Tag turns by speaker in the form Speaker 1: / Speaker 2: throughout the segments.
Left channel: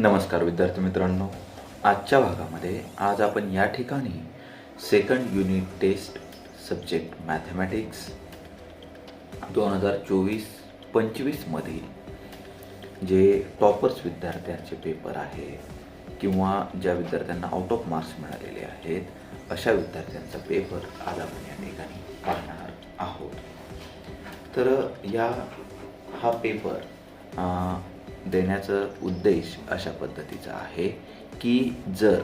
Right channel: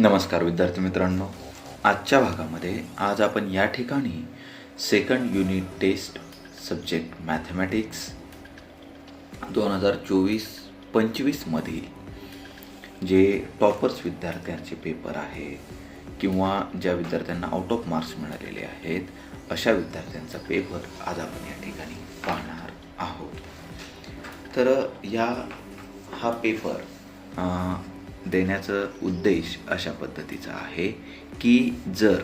Speaker 1: नमस्कार विद्यार्थी मित्रांनो. आजच्या भागामध्ये आज आपण या ठिकाणी second unit test subject mathematics दोन हजार चोवीस पंचवीसमधील जे टॉपर्स विद्यार्थ्यांचे पेपर आहे किंवा ज्या विद्यार्थ्यांना आउट ऑफ मार्क्स मिळालेले आहेत अशा विद्यार्थ्यांचा पेपर आज आपण या ठिकाणी पाहणार आहोत. तर या हा पेपर देण्याचा उद्देश अशा पद्धतीचा आहे की जर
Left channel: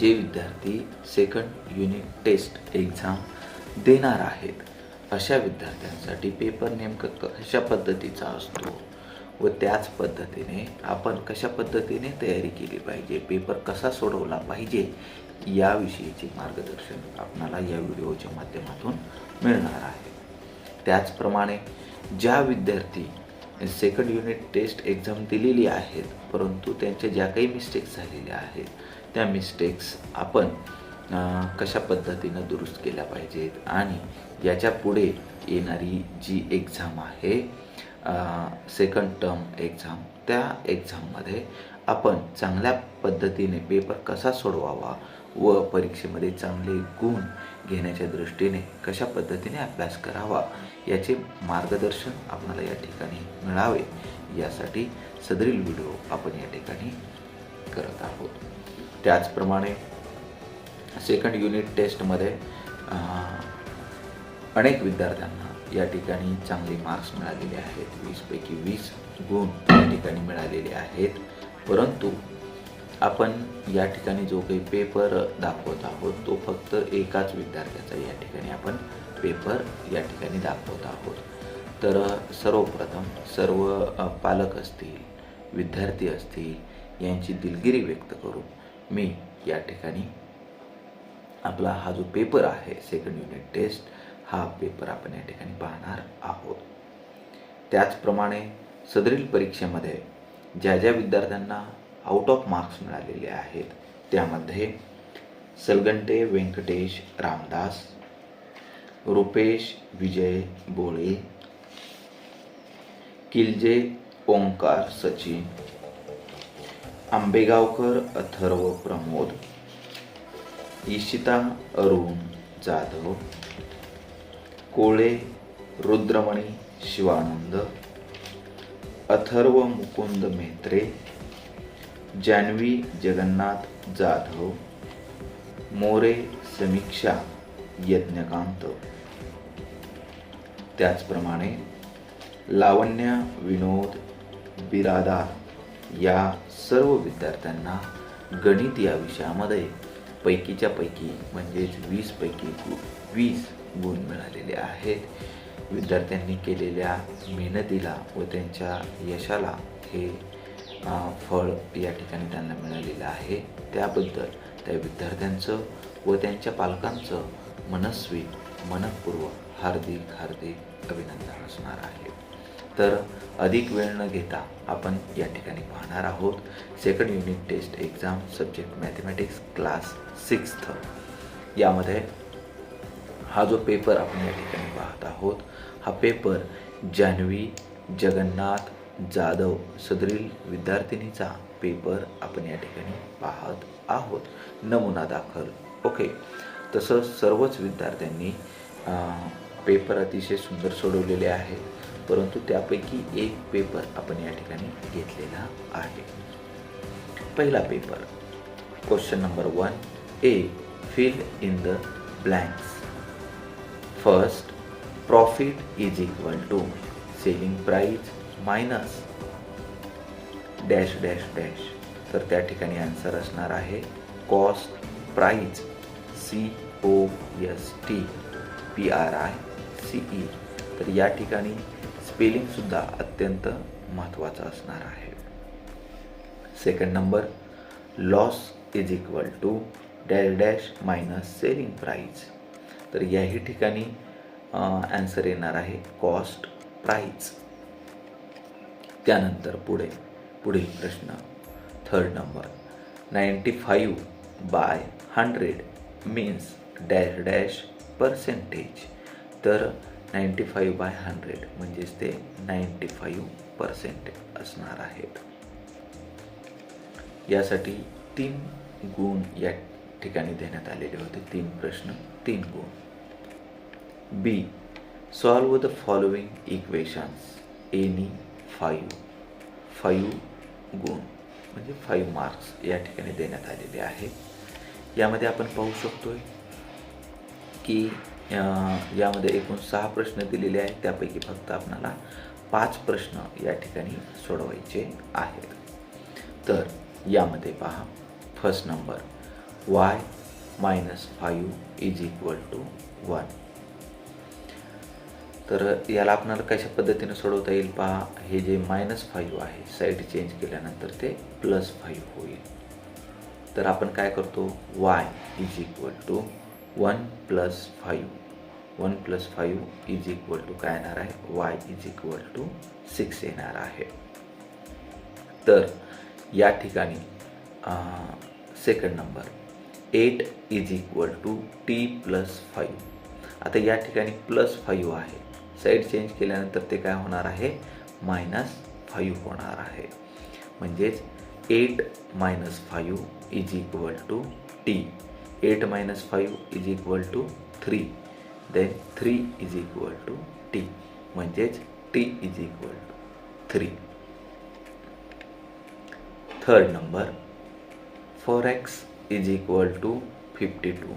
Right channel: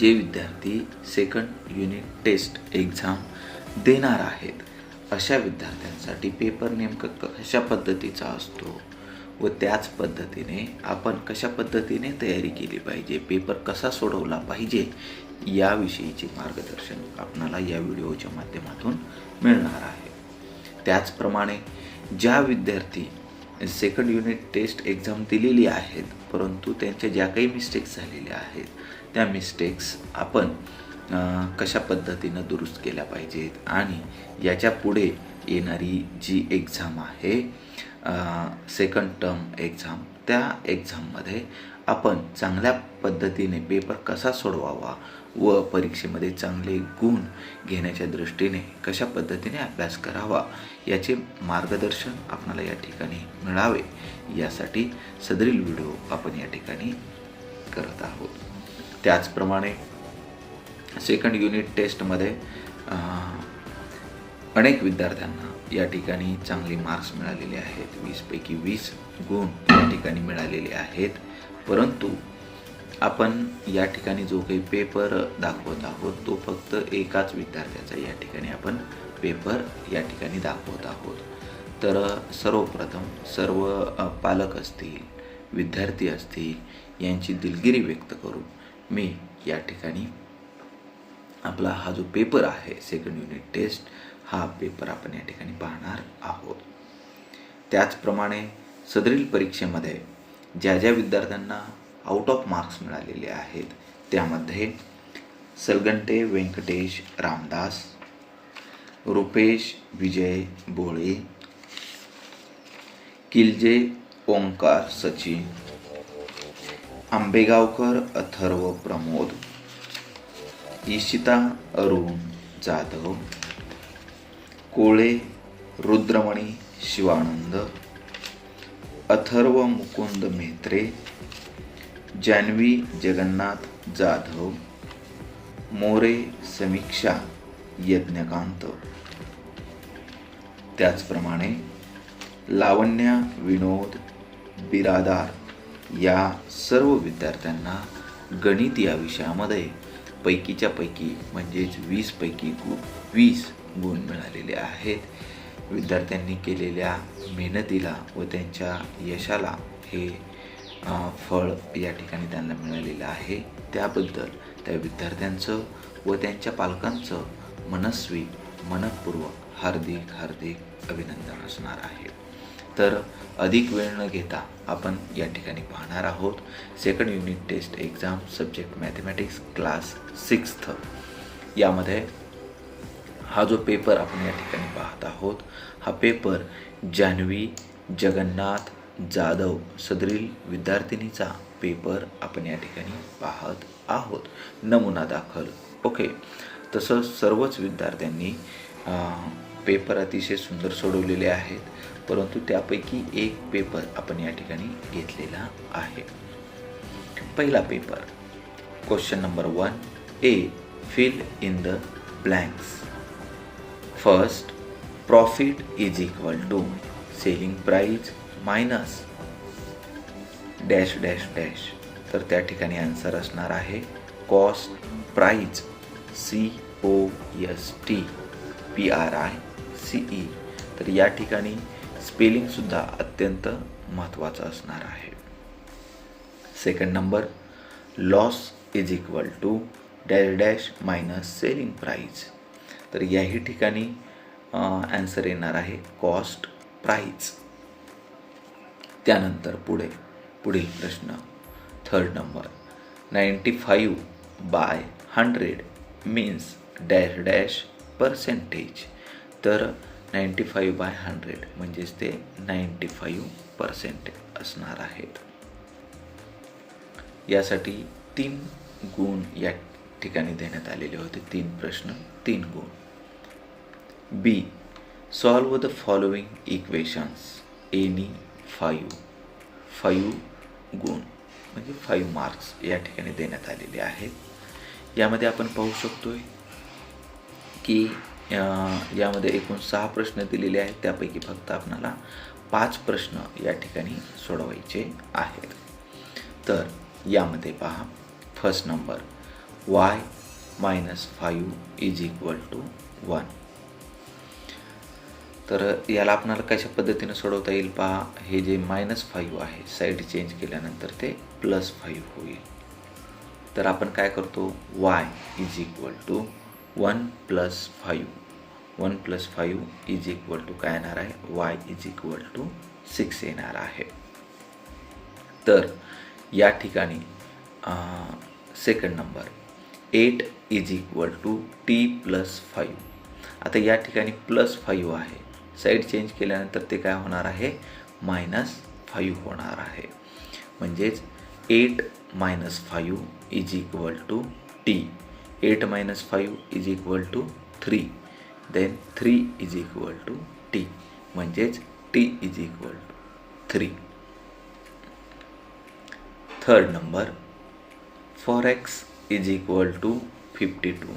Speaker 1: जे विद्यार्थी सेकंड युनिट टेस्ट एक्झाम देणार आहेत अशा विद्यार्थ्यांसाठी पेपर नेमकं कशा पद्धतीचा असतो व त्याच पद्धतीने आपण कशा पद्धतीने तयारी केली पाहिजे पेपर कसा सोडवला पाहिजे याविषयीचे मार्गदर्शन आपणाला या व्हिडिओच्या माध्यमातून मिळणार आहे. त्याचप्रमाणे ज्या विद्यार्थी सेकंड युनिट टेस्ट एक्झाम दिलेली आहेत. परंतु त्यांच्या ज्या काही मिस्टेक्स झालेल्या आहेत त्या मिस्टेक्स आपण कशा पद्धतीनं दुरुस्त केल्या पाहिजेत? आणि याच्यापुढे येणारी जी एक्झाम आहे सेकंड टर्म एक्झाम त्या एक्झाममध्ये आपण चांगल्या पद्धतीने पेपर कसा सोडवावा व परीक्षेमध्ये चांगले गुण घेण्याच्या दृष्टीने कशा पद्धतीने अभ्यास करावा याचे मार्गदर्शन आपल्याला या ठिकाणी मिळावे. यासाठी सदरील व्हिडिओ आपण या ठिकाणी करत आहोत. त्याचप्रमाणे सेकंड युनिट टेस्टमध्ये अनेक विद्यार्थ्यांना या ठिकाणी चांगले मार्क्स मिळालेले आहेत. वीसपैकी वीस गुण या ठिकाणी मिळालेले आहेत. परंतु आपण या ठिकाणी जो काही पेपर दाखवत आहोत तो फक्त एकाच विद्यार्थ्याचा या ठिकाणी आपण पेपर या ठिकाणी दाखवत आहोत. तर सर्वप्रथम सर्व पालक असतील विद्यार्थी असतील यांची दिलगिरी व्यक्त करून मी या ठिकाणी आपला हा जो पेपर आहे सेकंड युनिट टेस्ट हा पेपर आपण या ठिकाणी पाहणार आहोत. त्याचप्रमाणे सदरील परीक्षेमध्ये ज्या ज्या विद्यार्थ्यांना आउट ऑफ मार्क्स मिळालेले आहेत त्यामध्ये सलगंटे व्यंकटेश रामदास रुपेश विजय बोळे किलजे ओंकार सचिन आंबेगावकर अथर्व प्रमोद ईशिता अरुण जाधव कोळे रुद्रमणी शिवानंद अथर्व मुकुंद मेत्रे जान्हवी जगन्नाथ जाधव मोरे समीक्षा यज्ञकांत. त्याचप्रमाणे लावण्य विनोद बिरादार या सर्व विद्यार्थ्यांना गणित या विषयामध्ये पैकीच्या पैकी म्हणजेच वीसपैकी गु वीस गुण मिळालेले आहेत. विद्यार्थ्यांनी केलेल्या मेहनतीला व त्यांच्या यशाला हे फळ या ठिकाणी त्यांना मिळालेलं आहे. त्याबद्दल त्या विद्यार्थ्यांचं व त्यांच्या पालकांचं मनस्वी मनपूर्वक हार्दिक हार्दिक अभिनंदन असणार आहे तर अधिक वेळ न घेता आपण या ठिकाणी पाहणार आहोत. Second unit test exam subject mathematics class sixth यामध्ये हा जो पेपर आपण या ठिकाणी पाहत आहोत हा पेपर जान्हवी जगन्नाथ जाधव सदरील विद्यार्थिनीचा पेपर आपण या ठिकाणी पाहत आहोत. नमुना दाखल. ओके तसंच सर्वच विद्यार्थ्यांनी पेपर अतिशय सुंदर सोडवलेले आहेत परंतु त्यापैकी एक पेपर आपण या ठिकाणी घेतलेला आहे. पहिला paper question number one A fill in the blanks first profit is equal to selling price minus dash dash dash तर त्या ठिकाणी आन्सर असणार आहे cost price C O S T P R I C E. तर या ठिकाणी स्पेलिंगसुद्धा अत्यंत महत्त्वाचं असणार आहे. Second number loss is equal to dash dash minus selling price तर याही ठिकाणी ॲन्सर येणार आहे कॉस्ट प्राईज त्यानंतर पुढे पुढील प्रश्न. Third number ninety five by hundred means dash dash percentage तर नाईंटी फाईव्ह बाय हंड्रेड म्हणजेच ते नाईंटी फाईव्ह पर्सेंट असणार आहेत. यासाठी तीन गुण या ठिकाणी देण्यात आलेले होते. तीन प्रश्न तीन गुण. B solve the following equations any five five गुण म्हणजे फाईव्ह मार्क्स या ठिकाणी देण्यात आलेले आहेत. यामध्ये आपण पाहू शकतो की यामध्ये एकूण सहा प्रश्न दिलेले आहेत. त्यापैकी फक्त आपणाला पाच प्रश्न या ठिकाणी सोडवायचे आहेत. तर यामध्ये पहा. First number Y minus five is equal to one तर याला आपणाला कशा पद्धतीने सोडवता येईल पहा. हे जे मायनस फाईव्ह आहे साईड चेंज केल्यानंतर ते प्लस फाईव्ह होईल. तर आपण काय करतो? Y is equal to one plus five. One plus five is equal to काय येणार आहे? Y is equal to six येणार आहे. तर या ठिकाणी second number eight is equal to T plus five. आता या ठिकाणी प्लस फाईव्ह आहे. साईड चेंज केल्यानंतर ते काय होणार आहे? मायनस फाईव्ह होणार आहे. म्हणजेच eight minus five is equal to T. Eight minus five is equal to three then three is equal to T म्हणजेच T is equal to three third number four X is equal to fifty two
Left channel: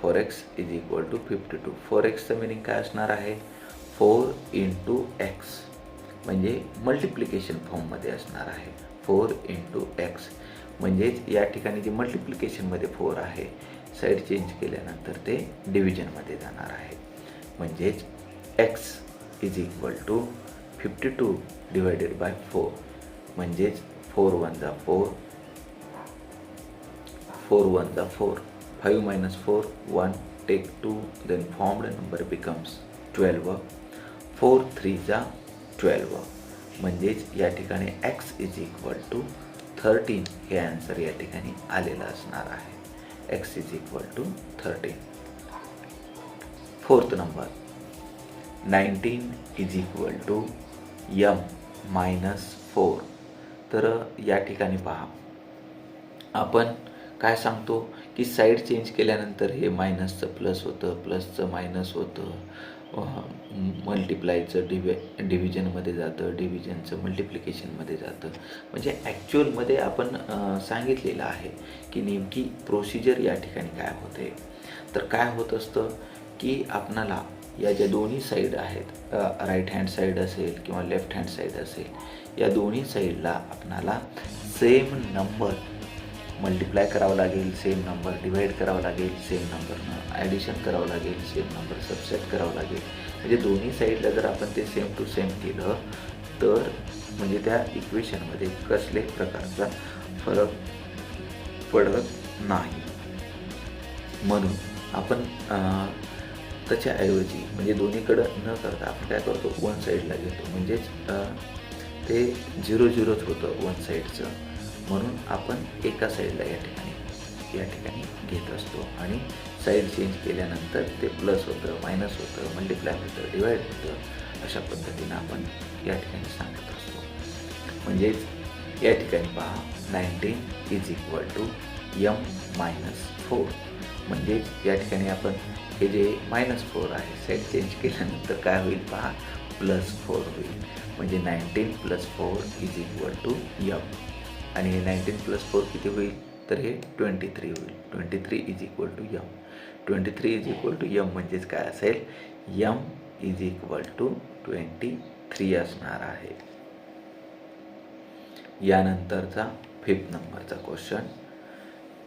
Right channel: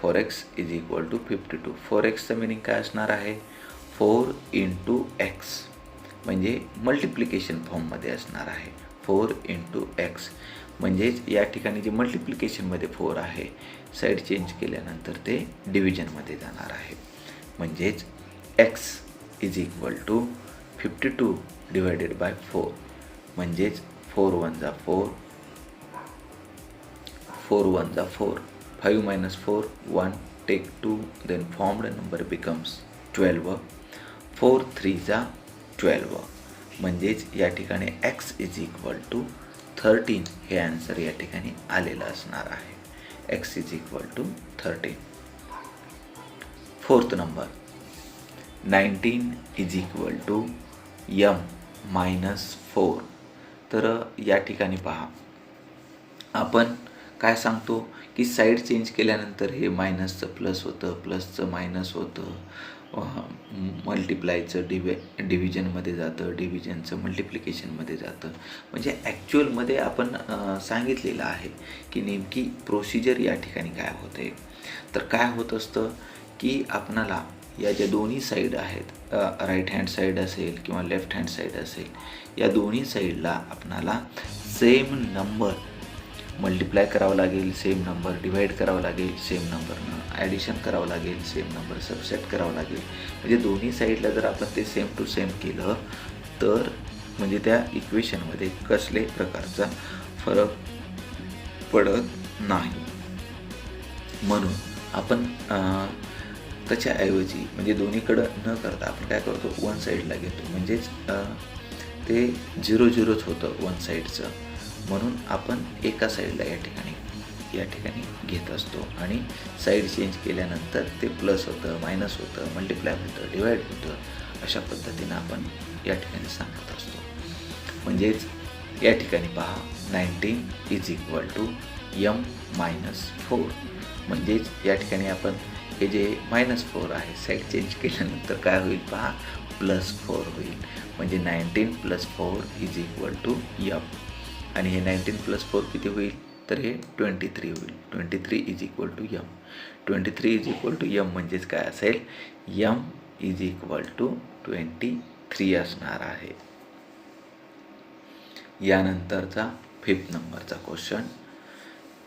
Speaker 1: four X is equal to fifty two four एक्सचं meaning काय असणार आहे? Four into X म्हणजे multiplication फॉर्ममध्ये असणार आहे. Four into x म्हणजेच या ठिकाणी जे मल्टिप्लिकेशनमध्ये फोर आहे साईड चेंज केल्यानंतर ते डिव्हिजनमध्ये जाणार आहे. म्हणजेच X is equal to fifty two divided by four म्हणजेच फोर वन जा फोर फोर वन जा four five minus four one take two then formed number becomes twelve four three जा ट्वेल्व म्हणजेच या ठिकाणी X is equal to thirteen हे answer या ठिकाणी आलेलं असणार आहे. X is equal to thirteen fourth number nineteen is equal to M minus four तर या ठिकाणी पहा. आपण काय सांगतो? की साईड चेंज केल्यानंतर हे मायनसचं प्लस होतं प्लसचं मायनस होतं. मल्टिप्लायचं डिव्हि डिव्हिजनमध्ये जातं डिव्हिजनचं मल्टिप्लिकेशनमध्ये जातं. म्हणजे ॲक्च्युअलमध्ये आपण सांगितलेलं आहे की नेमकी प्रोसिजर या ठिकाणी काय होते तर काय होत असतं की आपणाला या ज्या दोन्ही साईड आहेत राईट हँड साईड असेल किंवा लेफ्ट हँड साईड असेल या दोन्ही साईडला आपणाला सेम नंबर मल्टिप्लाय करावं लागेल सेम नंबर डिवाईड करावं लागेल सेम नंबरनं ॲडिशन करावं लागेल सेम नंबर सबसेट करावं लागेल. म्हणजे दोन्ही साईडला जर आपण ते सेम टू सेम केलं तर म्हणजे त्या इक्वेशनमध्ये कसले प्रकारचा फरक पडत नाही. म्हणून आपण त्याच्याऐवजी म्हणजे दोन्हीकडं न करता आपण काय करतो? वन साईडला घेतो. म्हणजेच ते झिरो झिरोच होतं वन साईडचं म्हणून आपण एका साईडला या ठिकाणी या ठिकाणी घेत असतो. आणि साईड चेंज केल्यानंतर ते प्लस होतं मायनस होतं मल्टिप्लाय होतं डिवाईड होतं अशा पद्धतीनं आपण या ठिकाणी सांगत असतो. म्हणजेच या ठिकाणी पहा nineteen is equal to M minus four म्हणजेच या ठिकाणी आपण हे जे मायनस फोर आहे साईड चेंज केल्यानंतर काय होईल पहा प्लस फोर होईल. म्हणजे nineteen plus four is equal to M आणि हे नाईन्टीन प्लस फोर किती होईल? तर हे ट्वेंटी थ्री होईल. Twenty three is equal to M twenty three is equal to M म्हणजेच काय असेल? M is equal to twenty three असणार आहे. यानंतरचा फिफ्थ नंबरचा question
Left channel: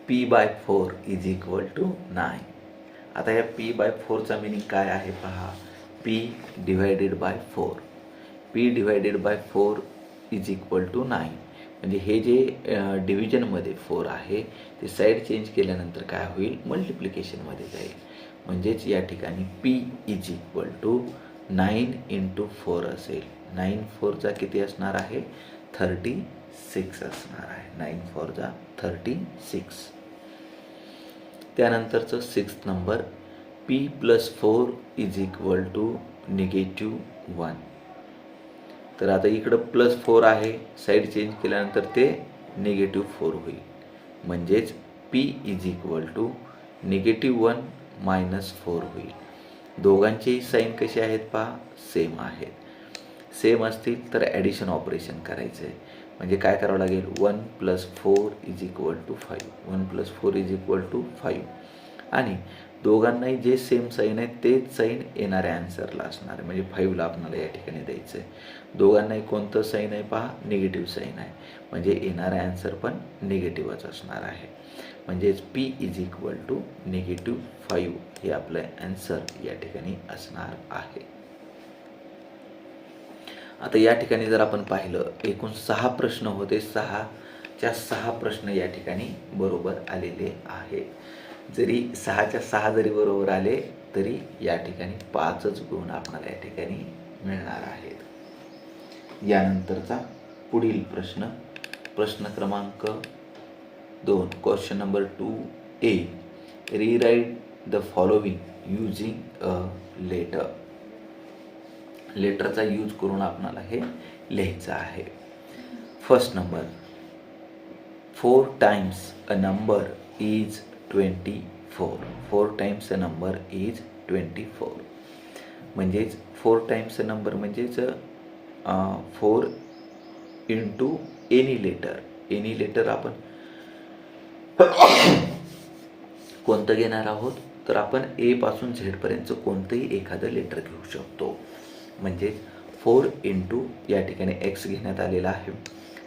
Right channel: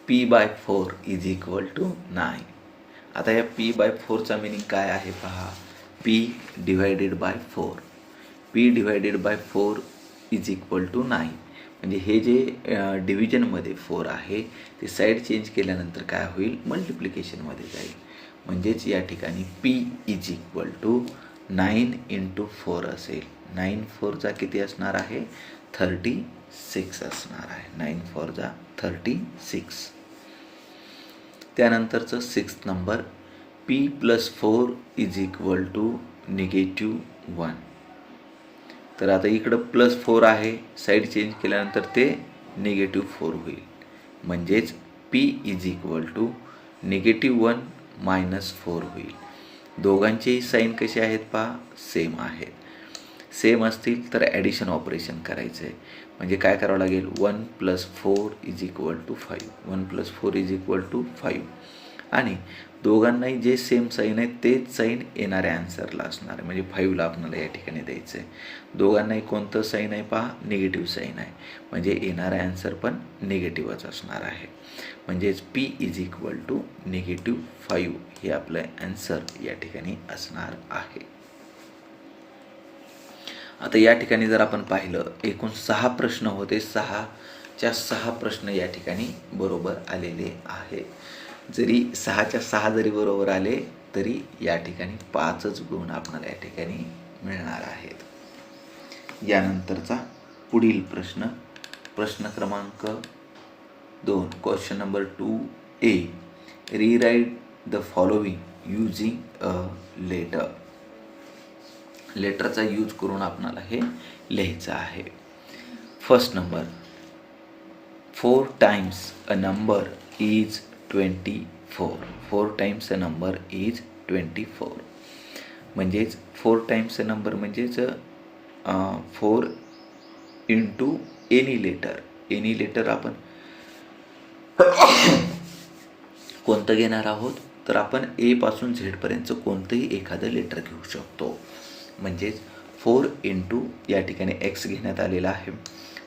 Speaker 1: P by four is equal to nine आता या पी बाय फोरचा मिनिंग काय आहे पहा? P divided by four P divided by four is equal to nine म्हणजे हे जे डिव्हिजनमध्ये फोर आहे ते साईड चेंज केल्यानंतर काय होईल? मल्टिप्लिकेशनमध्ये जाईल. म्हणजेच या ठिकाणी P is equal to nine into four असेल. नाईन फोरचा किती असणार आहे? थर्टी सिक्स असणार आहे. नाईन फोरचा थर्टी सिक्स त्यानंतरचं six number P plus four is equal to negative one तर आता इकडं प्लस फोर आहे. साईड चेंज केल्यानंतर ते निगेटिव्ह फोर होईल. म्हणजेच P is equal to negative one minus four होईल. दोघांचेही साईन कसे आहेत पहा? सेम आहेत. सेम असतील तर ॲडिशन ऑपरेशन करायचं आहे म्हणजे काय करावं लागेल? One plus four is equal to five one plus four is equal to five आणि दोघांनाही जे सेम साईन आहे तेच साईन येणाऱ्या आन्सरला असणार आहे. म्हणजे फाईव्हला आपल्याला या ठिकाणी द्यायचं आहे दोघांनाही कोणतं साईन आहे पहा? निगेटिव्ह साईन आहे. म्हणजे येणारा आन्सर पण निगेटिव्हच असणार आहे. म्हणजेच P is equal to negative five हे आपलं ॲन्सर या ठिकाणी असणार आहे. आता या ठिकाणी जर आपण पाहिलं एकूण सहा प्रश्न होते. सहाच्या सहा प्रश्न या ठिकाणी बरोबर आलेले आहेत. जरी सहाच्या सहा जरी बरोबर आले तरी या ठिकाणी पाचच गुण आपणाला या ठिकाणी मिळणार आहेत. यानंतरचा पुढील प्रश्न प्रश्न क्रमांक दोन question number two A rewrite the following using a letter लेटरचा use करून आपणाला हे लिहायचं आहे. First number four times a number is twenty four. Four times a number is twenty four म्हणजेच फोर टाईम्स अ नंबर म्हणजेच four into any letter any letter आपण कोणतं घेणार आहोत? तर आपण ए पासून झेडपर्यंतचं कोणतंही एखादं लेटर घेऊ शकतो. म्हणजेच फोर इंटू या ठिकाणी एक्स घेण्यात आलेला आहे.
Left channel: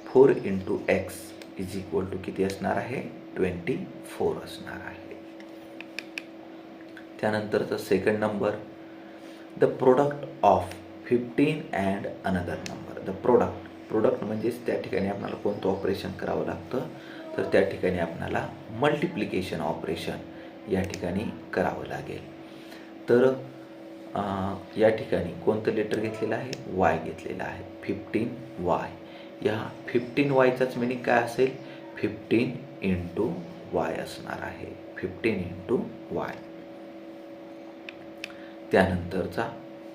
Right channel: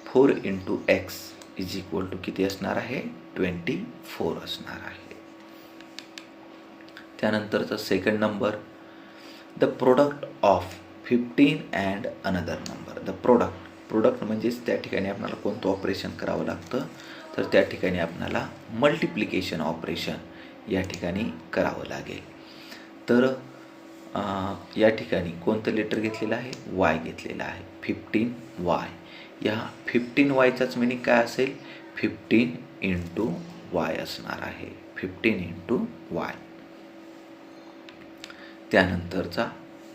Speaker 1: Four into X is equal to किती असणार आहे? ट्वेंटी फोर असणार आहे. त्यानंतरचा second number the product of fifteen and another number the product product म्हणजेच त्या ठिकाणी आपल्याला कोणतं ऑपरेशन करावं लागतं? तर त्या ठिकाणी आपल्याला मल्टिप्लिकेशन ऑपरेशन या ठिकाणी करावं लागेल. तर या ठिकाणी कोणतं लेटर घेतलेलं आहे? वाय घेतलेलं आहे. फिफ्टीन वाय या फिफ्टीन वायचाच मिनिंग काय असेल? फिफ्टीन इंटू वाय असणार आहे. फिफ्टीन इंटू वाय त्यानंतरचा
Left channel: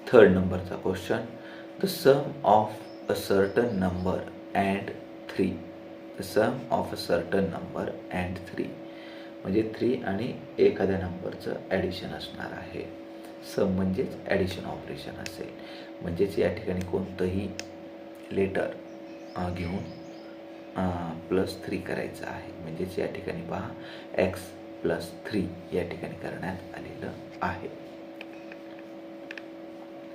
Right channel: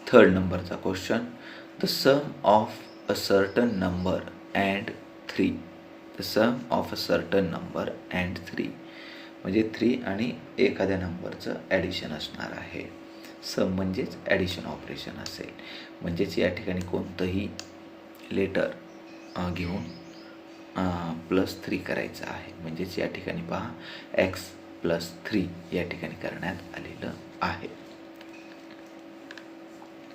Speaker 1: थर्ड नंबरचा question the sum of a certain number and three the sum of a certain number and three म्हणजे थ्री आणि एखाद्या नंबरचं ॲडिशन असणार आहे. सम म्हणजेच ॲडिशन ऑपरेशन असेल. म्हणजेच या ठिकाणी कोणतंही लेटर घेऊन प्लस थ्री करायचं आहे. म्हणजेच या ठिकाणी पहा एक्स प्लस थ्री या ठिकाणी करण्यात आलेलं आहे.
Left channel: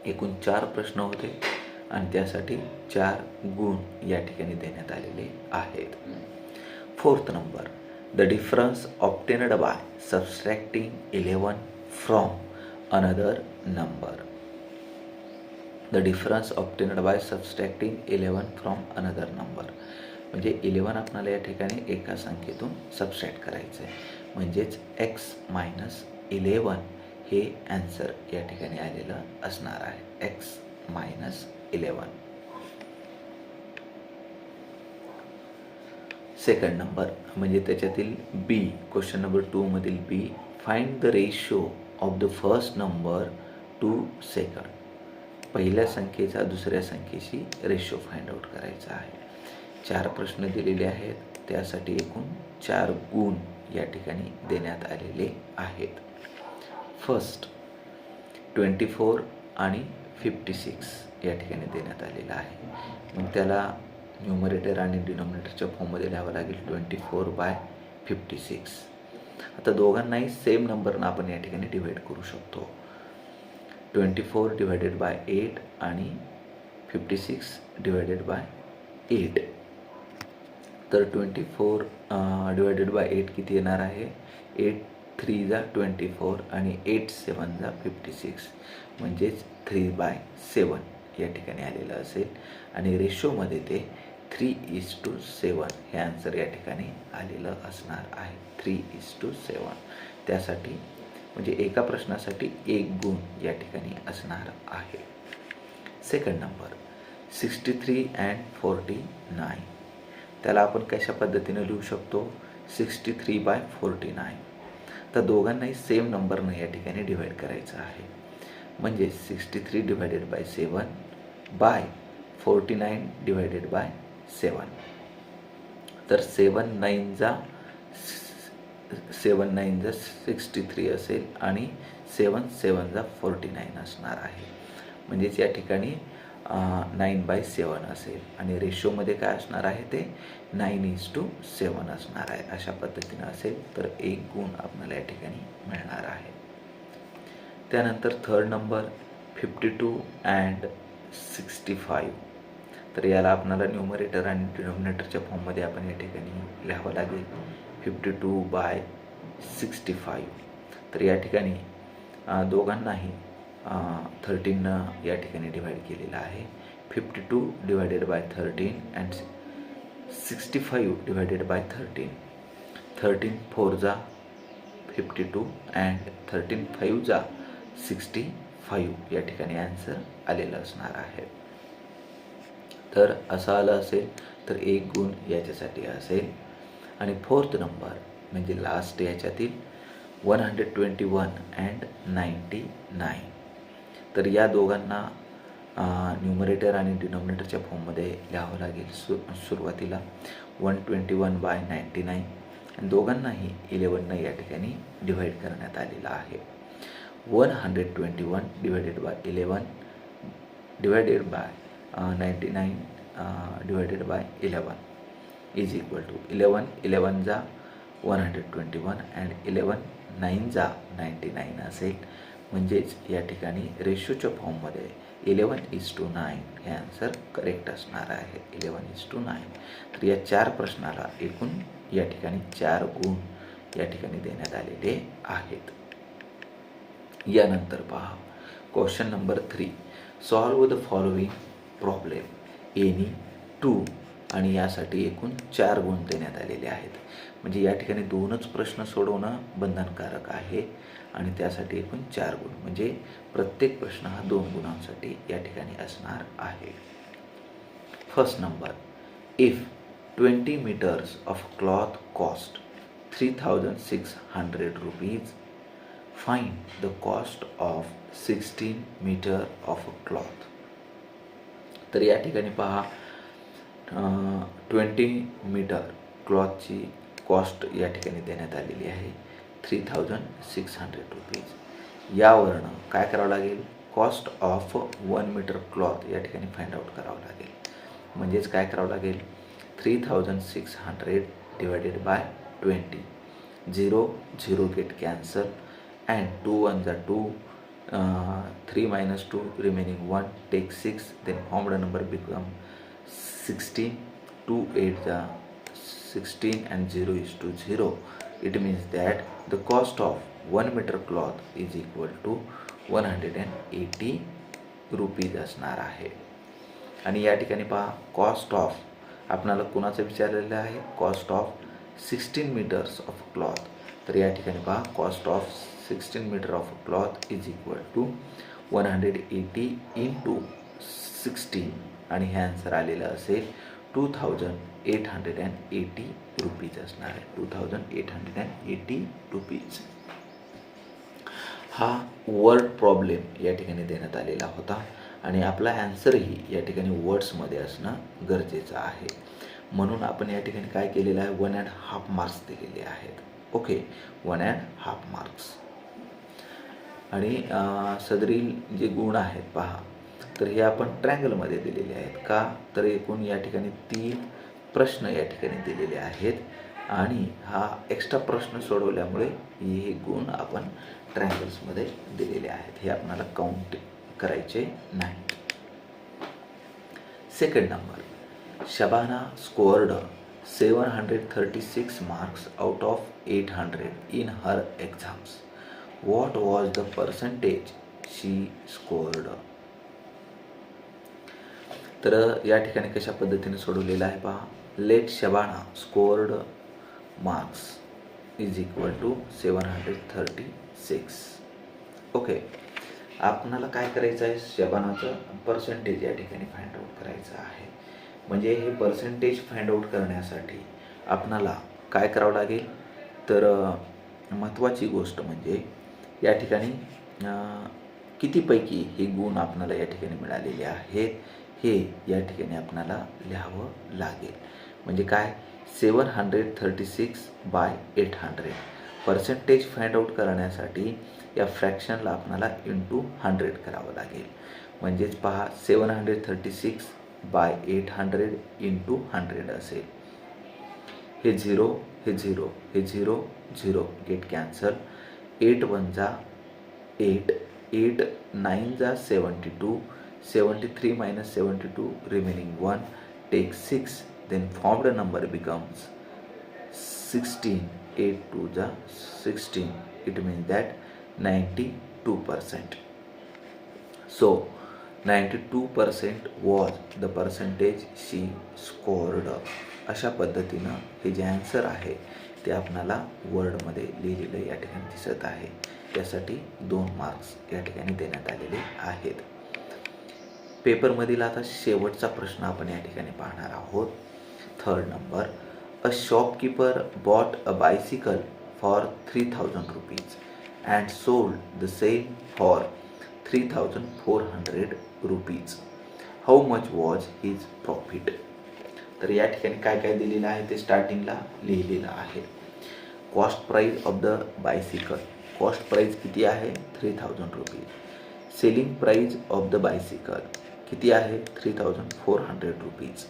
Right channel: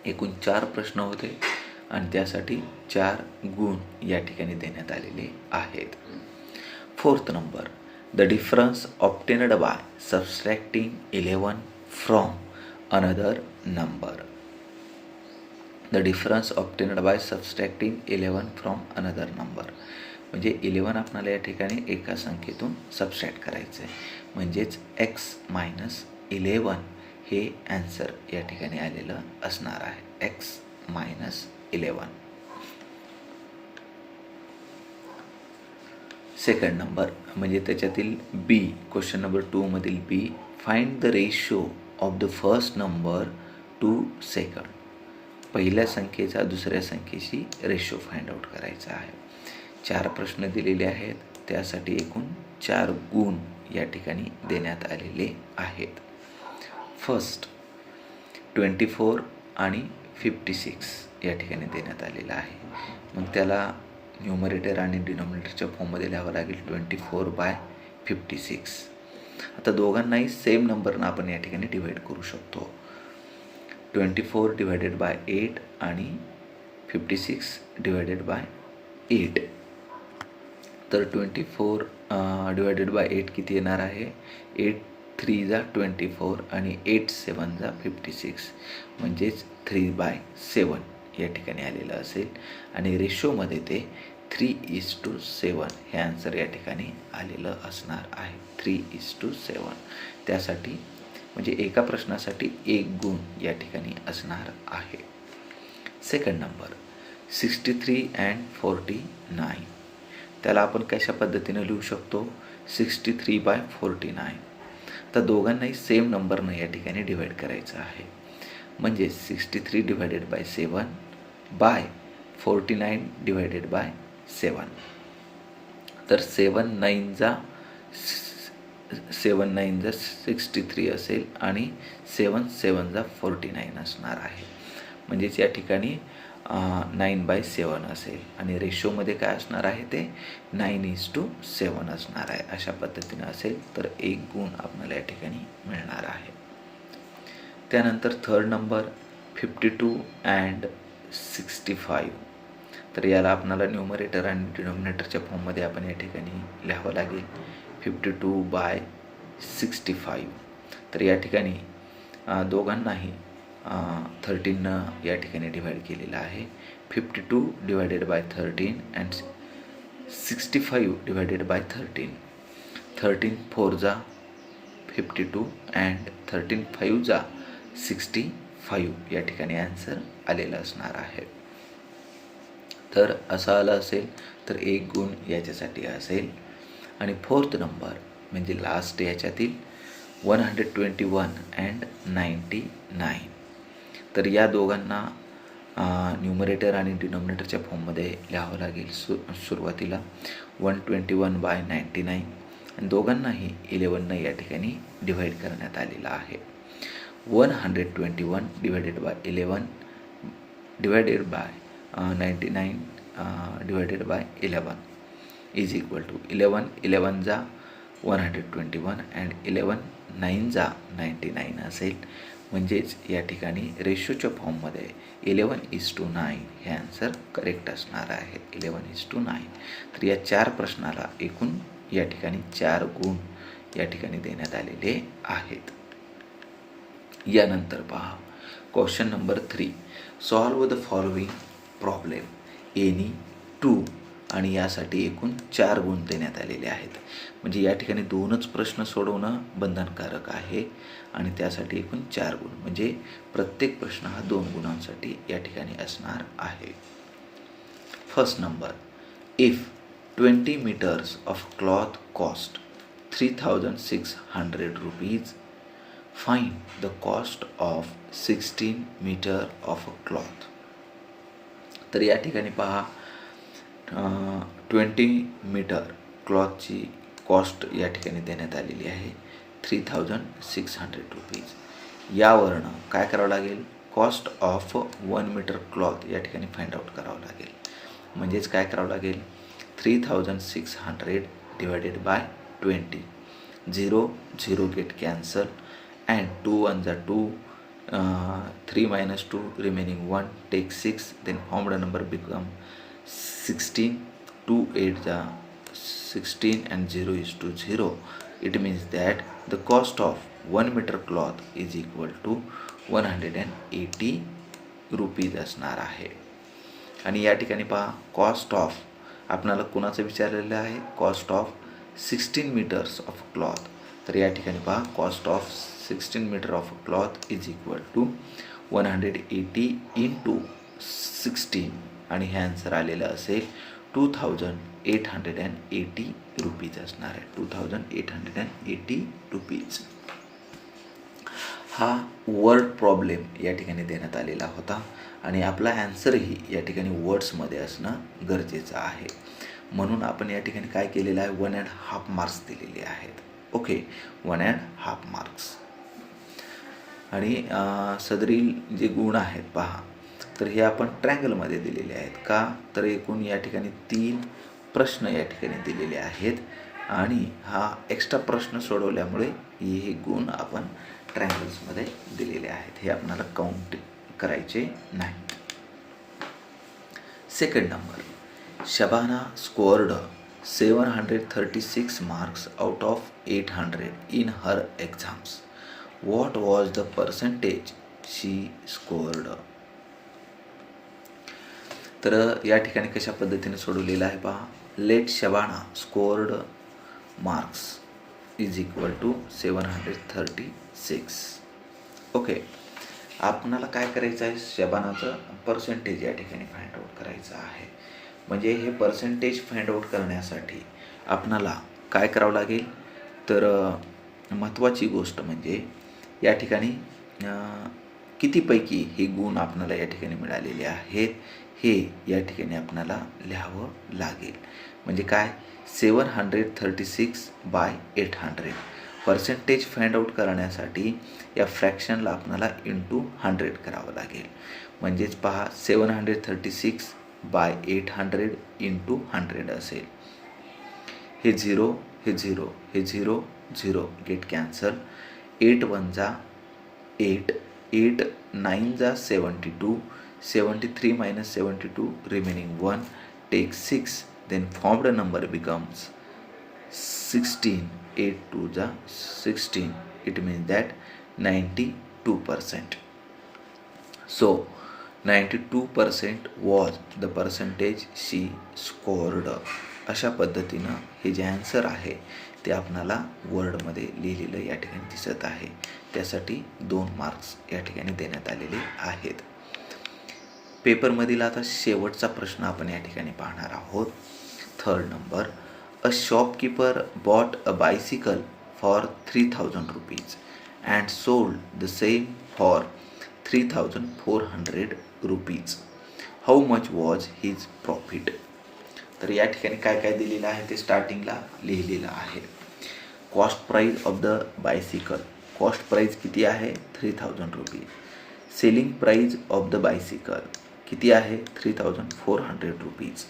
Speaker 1: एकूण चार प्रश्न होते आणि त्यासाठी चार गुण या ठिकाणी देण्यात आलेले आहेत. Fourth number the difference obtained by subtracting eleven from another number the difference obtained by subtracting eleven from another number म्हणजे इलेवन आपणाला या ठिकाणी एका संख्येतून सबस्ट्रॅक्ट करायचं आहे म्हणजेच एक्स मायनस इलेवन हे ॲन्सर या ठिकाणी आलेलं असणार आहे. X minus eleven second number म्हणजे त्याच्यातील B question number टूमधील B find the ratio of the first number to second पहिल्या संख्येचा दुसऱ्या संख्येशी रेशो फाइंड आउट करायचा आहे. चार प्रश्न दिलेले आहेत. त्यासाठी एकूण चार गुण या ठिकाणी देण्यात आलेले आहेत. फर्स्ट ट्वेंटी फोर आणि फिफ्टी सिक्स या ठिकाणी देण्यात आलेलं आहे. मग त्याला न्यूमरेटर आणि डिनॉमिनेटरच्या फॉर्ममध्ये लिहावं लागेल. Twenty four by fifty six आता दोघांनाही सेम नंबरनं आपण या ठिकाणी डिवाईड करू शकतो. Twenty four divided by eight आणि fifty six divided by eight तर twenty four divided by eight किती येणार आहे? एट थ्री जा ट्वेंटी फोर आणि एट सेवन जा फिफ्टी सिक्स म्हणजेच थ्री बाय सेवन या ठिकाणी आलेलं असेल. आणि रेशोमध्ये ते थ्री इज टू सेवन हे आन्सर या ठिकाणी आलेलं असणार आहे. थ्री इज टू सेवन त्यासाठी म्हणजे एका प्रश्नासाठी एक गुण या ठिकाणी असणार आहे. Second number sixty three and forty nine त्याला आपण कशा पद्धतीनं लिहू शकतो? Sixty three by forty nine तर दोघांनाही सेम नंबरनं या ठिकाणी डिवाईड करायचं आहे. म्हणजे sixty three divided by seven by forty nine divided by seven तर सेवन नाईन जा सेवन नाईन जा सिक्स्टी थ्री असेल आणि सेवन सेवन जा फोर्टी नाईन असणार आहे. म्हणजेच या ठिकाणी नाईन बाय सेवन असेल. आणि रेशोमध्ये काय असणार आहे ते? नाईन इज टू सेवन असणार आहे. अशा पद्धतीनं असेल तर एक गुण आपल्याला या ठिकाणी मिळणार आहे. त्यानंतर third number fifty two and sixty five तर याला आपणाला न्यूमरेटर आणि डिनॉमिनेटरच्या फॉर्ममध्ये आपण या ठिकाणी लिहावं लागेल. Fifty two by sixty five तर या ठिकाणी दोघांनाही थर्टीननं या ठिकाणी डिवाईड केलेलं आहे. Fifty two divided by thirteen and sixty five divided by thirteen thirteen four जा fifty two and thirteen five जा सिक्स्टी फाईव्ह या ठिकाणी आन्सर आलेला असणार आहे. तर असं आलं असेल तर एक गुण याच्यासाठी असेल. आणि फोर्थ नंबर म्हणजे last याच्यातील one hundred twenty one and ninety nine तर या दोघांना न्युमरेटर आणि डिनॉमिनेटरच्या फॉर्ममध्ये लिहावं लागेल सु सुरुवातीला. One twenty one by ninety nine आणि दोघांनाही इलेवननं या ठिकाणी डिव्हाइड करण्यात आलेलं आहे. One hundred twenty one divided by eleven divided by ninety nine divided by eleven is equal to eleven eleven जा one hundred twenty one and eleven nine जा नाईंटी नाईन असेल म्हणजेच या ठिकाणी रेशोच्या फॉर्ममध्ये इलेवन इज टू नाईन हे answer correct असणार आहे. इलेवन इज टू नाईन तर या चार प्रश्नाला एकूण या ठिकाणी चार गुण या ठिकाणी देण्यात आलेले आहेत. यानंतर पहा. Question number three solve the following problem any two आणि यासाठी एकूण चार गुण देण्यात आलेले आहेत. म्हणजे या ठिकाणी दोनच प्रश्न सोडवणं बंधनकारक आहे आणि त्यासाठी एकूण चार गुण. म्हणजे प्रत्येक प्रश्न हा दोन गुणांसाठी या ठिकाणी असणार आहे. First number if twenty metres of cloth cost three thousand six hundred rupees find the cost of sixteen metre of cloth तर या ठिकाणी पहा ट्वेंटी मीटर क्लॉथची कॉस्ट या ठिकाणी देण्यात आलेली आहे. Three thousand six hundred rupees यावरनं काय करावं लागेल? Cost of one metre cloth या ठिकाणी फाइंड आउट करावं लागेल. म्हणजेच काय करावं लागेल? Three thousand six hundred divided by twenty zero zero get cancel and two one जा two three minus two remaining one take six then formed number become sixteen two eight जा sixteen and zero is two zero it means that the cost of one metre cloth is equal to one hundred and eighty rupees असणार आहे. आणि या ठिकाणी पहा cost of आपणाला कुणाचं विचारलेलं आहे? Cost of sixteen metres of cloth तर या ठिकाणी पहा cost of sixteen metre of cloth is equal to one hundred eighty into sixteen आणि हे आन्सर आलेलं असेल two thousand eight hundred and eighty rupees असणार आहे. Two thousand eight hundred and eighty rupees हा वर्ड प्रॉब्लेम या ठिकाणी देण्यात आलेला होता आणि आपला ॲन्सरही या ठिकाणी वर्ड्समध्ये असणं गरजेचं आहे. म्हणून आपण या ठिकाणी काय केलेलं आहे? वन अँड हाफ मार्क्स दिलेले आहेत. Okay one and half marks आणि सदरील जे गुण आहेत पहा. तर हे आपण ट्रँगलमध्ये दिलेले आहेत. का? तर एकूण या ठिकाणी तीन प्रश्न या ठिकाणी दिलेले आहेत. आणि हा एक्स्ट्रा प्रश्न सोडवल्यामुळे हे गुण आपण ट्रँगल्समध्ये दिलेले आहेत. हे आपणाला काउंट करायचे नाहीत. Second number Shabana scored seven hundred thirty six marks out of eight hundred in her exams what was the percentage she scored तर या ठिकाणी कशा पद्धतीने सोडवलेलं आहे पहा. Let Shabana scored marks is equal to seven hundred thirty six okay आपणाला काय करायचं आहे? शबानाचं पर्सेंटेज या ठिकाणी फाइंड आउट करायचं आहे. म्हणजे हे पर्सेंटेज फाइंड आउट करण्यासाठी आपणाला काय करावं लागेल? तर महत्त्वाची गोष्ट म्हणजे या ठिकाणी कितीपैकी हे गुण आपणाला या ठिकाणी मिळालेले आहेत? हे या ठिकाणी आपल्याला लिहावं लागेल. म्हणजे काय? Seven hundred thirty six by eight hundred percentage find out करण्यासाठी या फ्रॅक्शनला आपल्याला इंटू हंड्रेड करावं लागेल. म्हणजेच पहा seven hundred thirty six by eight hundred into hundred असेल. हे झिरो हे झिरो हे zero zero get cancel eight one जा एट एट नाईन जा seventy two seventy three minus seventy two remaining one take six then formed number becomes 16 8 2 it 16 it means that 92 percent. So 92 percent was the percentage she scored. अशा पद्धतीनं हे जे answer आहे ते आपणाला वर्डमध्ये लिहिलेलं या ठिकाणी दिसत आहे. त्यासाठी दोन मार्क्स या ठिकाणी देण्यात आलेले आहेत. पेपरमधील आता शेवटचा प्रश्न आपण या ठिकाणी पाहणार आहोत. Third number a shopkeeper bought a bicycle for three thousand rupees and sold the same for three thousand four hundred rupees how much was his profit तर या ठिकाणी काय काय दिलेलं आहे ते स्टार्टिंगला लिहिलेलं आहे. Cost price of the bicycle cost price किती आहे? Three thousand rupees selling price of the bicycle किती आहे? Three thousand four hundred rupees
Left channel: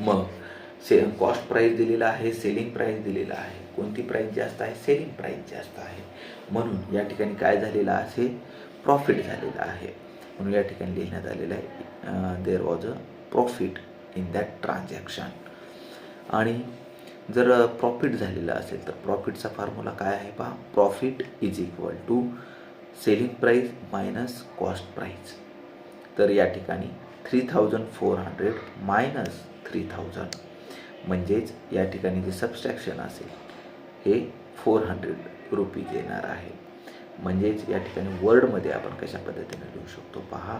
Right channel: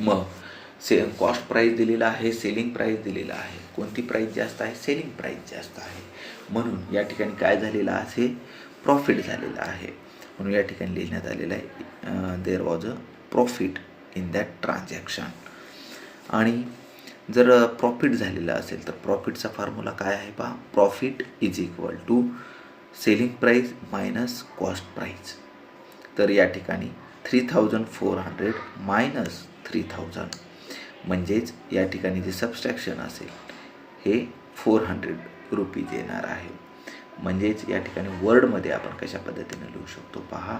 Speaker 1: मग से कॉस्ट प्राईस दिलेला आहे सेलिंग प्राईस दिलेला आहे. कोणती प्राईस जास्त आहे? सेलिंग प्राईस जास्त आहे. म्हणून या ठिकाणी काय झालेलं आहे? प्रॉफिट झालेलं आहे. म्हणून या ठिकाणी लिहिण्यात आलेलं आहे there was a profit in that transaction आणि जर प्रॉफिट झालेलं असेल तर प्रॉफिटचा फॉर्म्युला काय आहे पहा? Profit is equal to selling price minus cost price तर या ठिकाणी three thousand four hundred minus three thousand म्हणजेच या ठिकाणी जे सबस्ट्रॅक्शन असेल हे फोर हंड्रेड रुपीज येणार आहे. म्हणजेच या ठिकाणी वर्डमध्ये आपण कशा पद्धतीने लिहू शकतो पहा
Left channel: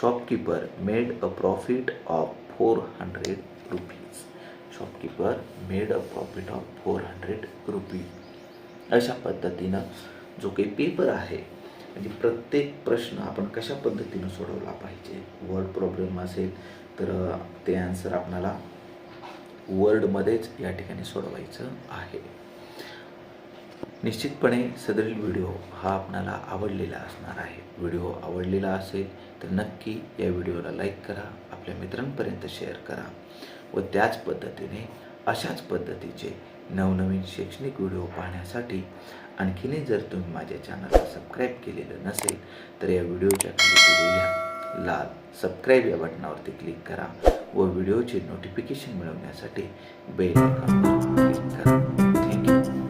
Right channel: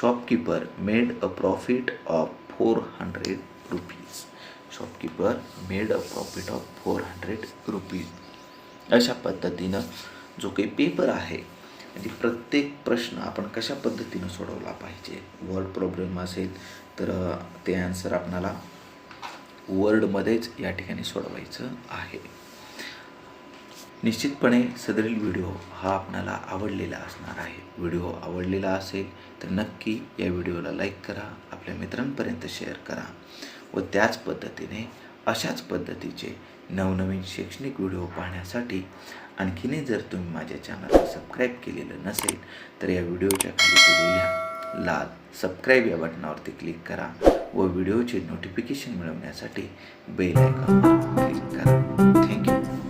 Speaker 1: shopkeeper made a profit of four hundred rupees shopkeeper made a profit of four hundred rupees अशा पद्धतीनं जो काही पेपर आहे म्हणजे प्रत्येक प्रश्न आपण कशा पद्धतीनं सोडवला पाहिजे? वर्ड प्रॉब्लेम असेल तर ते आन्सर आपणाला वर्डमध्येच या ठिकाणी सोडवायचं आहे. निश्चितपणे सदरील व्हिडिओ हा आपणाला आवडलेला असणार आहे. व्हिडिओ आवडलेला असेल तर नक्की या व्हिडिओला लाईक करा आपल्या मित्रांपर्यंत शेअर करा व त्याच पद्धतीने अशाच पद्धतीचे नवनवीन शैक्षणिक व्हिडिओ पाहण्यासाठी आणखीनही जर तुम्ही माझ्या चॅनलला सबस्क्राईब केलेलं नसेल तर या व्हिडिओच्या खाली दिलेल्या लाल सबस्क्राईब या बटनावरती क्लिक करा व व्हिडिओचे नोटिफिकेशन मिळवण्यासाठी बेल आयकॉन क्लिक करा. Thank you